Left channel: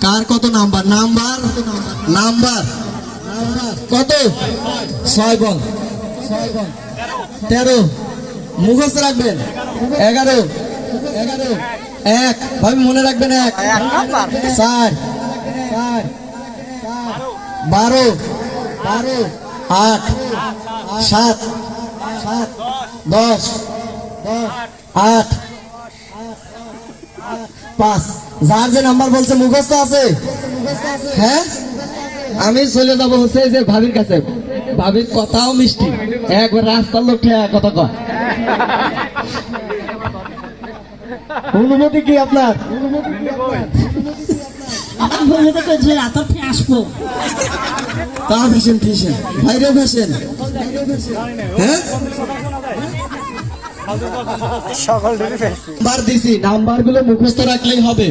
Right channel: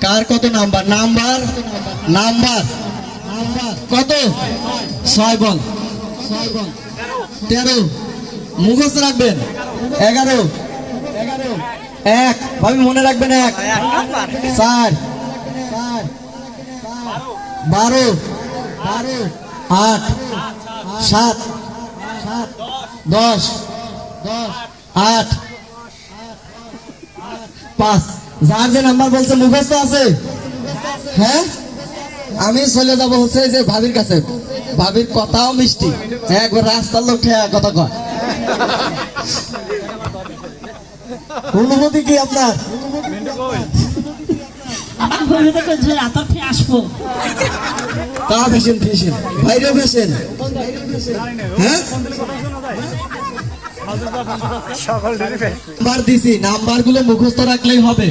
কার কত number? Number? Number. কত? ছয় বল। তেরো। মুখস্থ রাখবেন। এগারো। এক। ভাবি, মনে রাখবেন এক। চার। বারো। বারো আট। সাত। সাত দশ দশ। আট। পাঁচ। যার যে নাম্বার বলছে, মুখস্থ আছে? হ্যাঁ? আমি চলে যাব হচ্ছে যে ভাবির কাছে। ভাবির কথাও মিষ্টি। একবার রাস্তার লোক কথা কয়। অনুমতি কি আপনার? তো কইছি এত ফে আসব তা ফেসেন ফেসেন বাইরে ফেসেন হ্যাঁ? নাম্বার দিছি নাম্বারগুলো মুখস্থ রাখলেই হবে।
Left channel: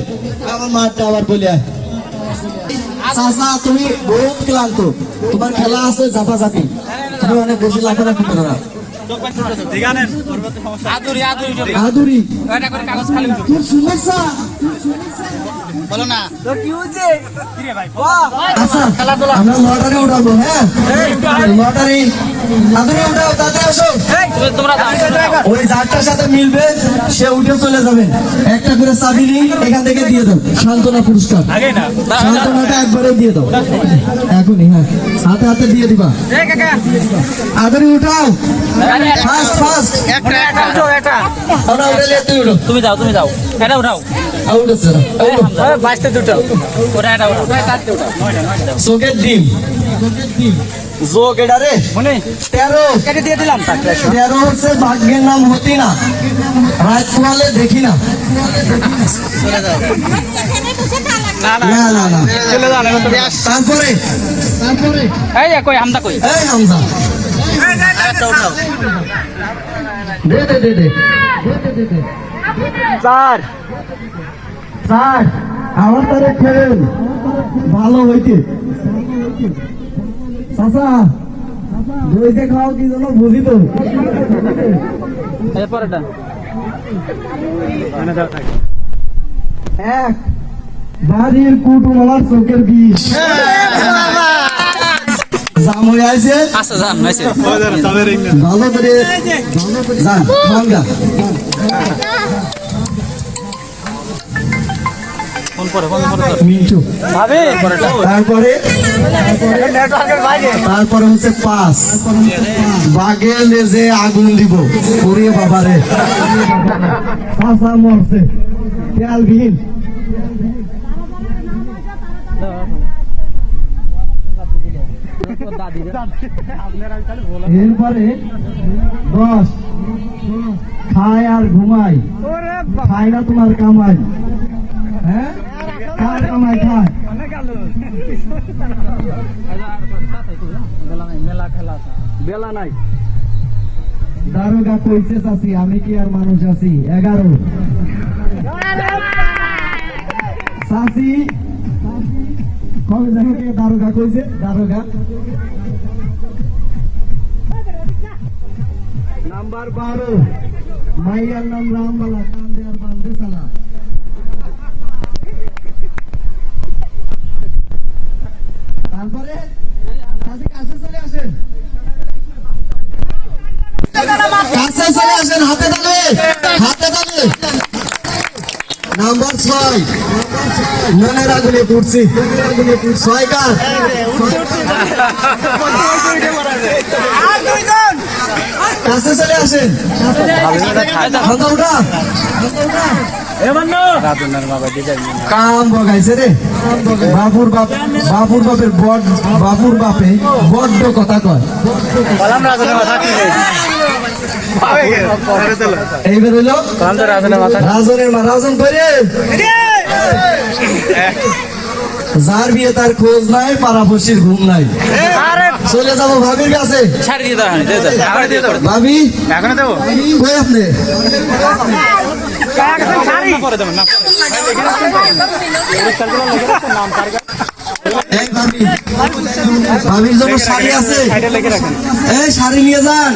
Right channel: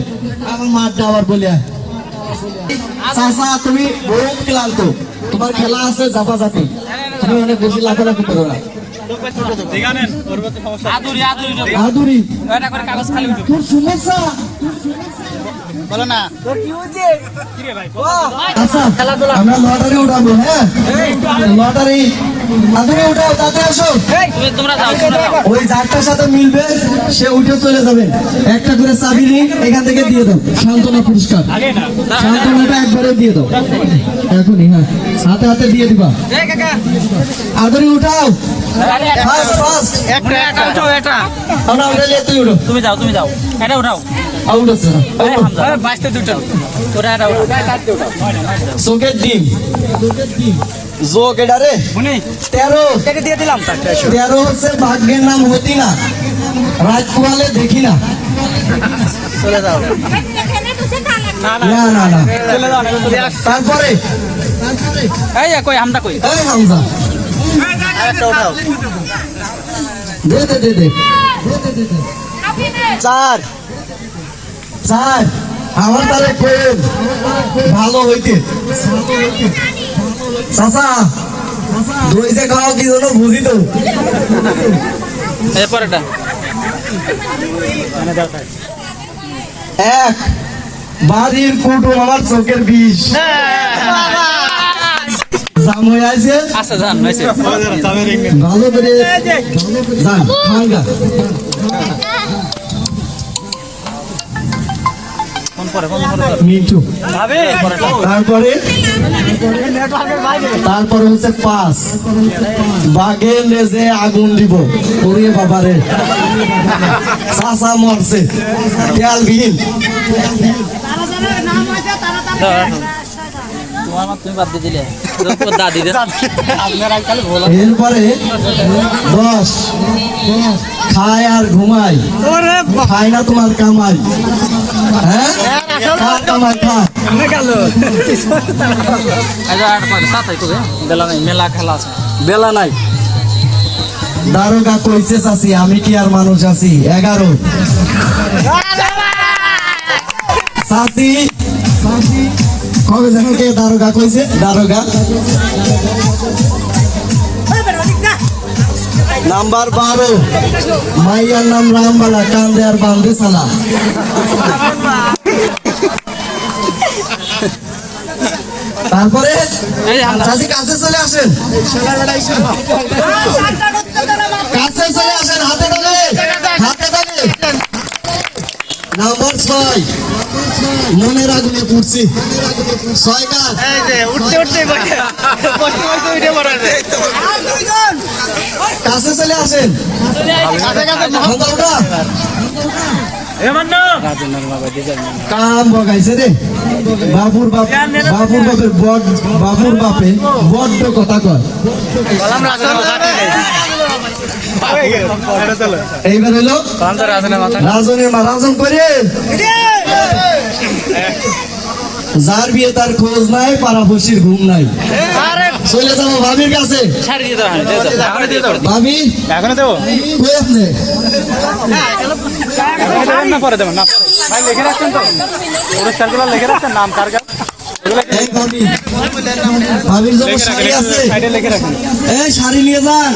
আমার মাঠটা আবার বলে। চাচা তুমি বহুত ক্লান্ত। তোমার খেলা আছে জাপা জাপি তুমি অনেক বেশি লাফালাফি করো না। আদুরি আদুরি উঠবে। আদুরি। এটা করে কাগজ খালি উঠবে তোর সমস্যা আচ্ছা আমরা লটারি উঠাবো হ্যাঁ? লটারি। আদুরি উঠাও তাতে আসো। ওই যারটার সাথে মিলবে সে উঠে চলে যাবে। একটা করে চাবি নিয়ে এখান থেকে দিয়ে দাও। সান্ত্বনা পুরস্কার। সান্ত্বনাটা একবারে দিয়ে দাও। এখনই হ্যাঁ। হাতে হাতে দিয়ে দিবা। আদুরি উঠাও। ফাস্ট ফাস্ট একটা একটা। উঠো এটা আমরা উঠালে তুই উঠো। তুমি যাও তুমি যাও। এটা উঠাও। আউট হচ্ছে না। বাইশতে দুটো ওটা এটা উঠাও। চোখের ডিম। যোগ এটা রে? তেরো। কেটে দিয়ে দিলাম। তেরো হচ্ছে ভাগ্যের নাম হতি না রাত পোয়ালে দেখি না না না। না তারপরে? এই কই আমদা কই? এই হামজা আরেকটা উঠাও। দে দে দে দে। চার। চার। আমার তারে ফেল ভালো হইতে। চাচা দই যে খাওয়া কি জন্য বুঝি তো এরপর এটা এক বাড়ির কুটুম আমার চোখের বিষ। জাম হয়ে আছে আচ্ছা যান ভালো করে যান তারপরে? তারপরে হচ্ছে পাঁচ। বাঘে লেজে আগুন দিব। ওরে বাবারে। চাষা মরছে। তেল বিহীন এরপরে দশ। খায় আর ঘুমাই খায় না তোমার কামাই। বেলা নেই। দারোগা কইছে, চাচি, আমি কি আর মানুষ আছি? এগারো। কবে যেন কে দারোগা কইছে? দারোগা। নাম্বার বারো। মাইয়ার নাম রামবালা, কান্দে আর বান্দে সালা। তারপরে চাচি কাছে চলে আসেন। কাছে চলে আসেন হাতে ধরে হাতে ধরে নাম্বার ছয়। মনে রাখবে তুলছি ছয় কাছে চলে আসেন। কাম বগাইছে রে। বাবুর বাপ বাবুর বাপের বড বাবুর বাপে বড্ড কথা কয়। এইবার হলো রাজনের মা রাজন করে। যার বিয়ে তার খোঁজ নাই পাড়াপড়শির ঘুম নাই চলে যাব ভাবির কাছে ভাবি আপনি ভাবির জন্য শাড়ি আছে এই শাড়ি নিয়ে যান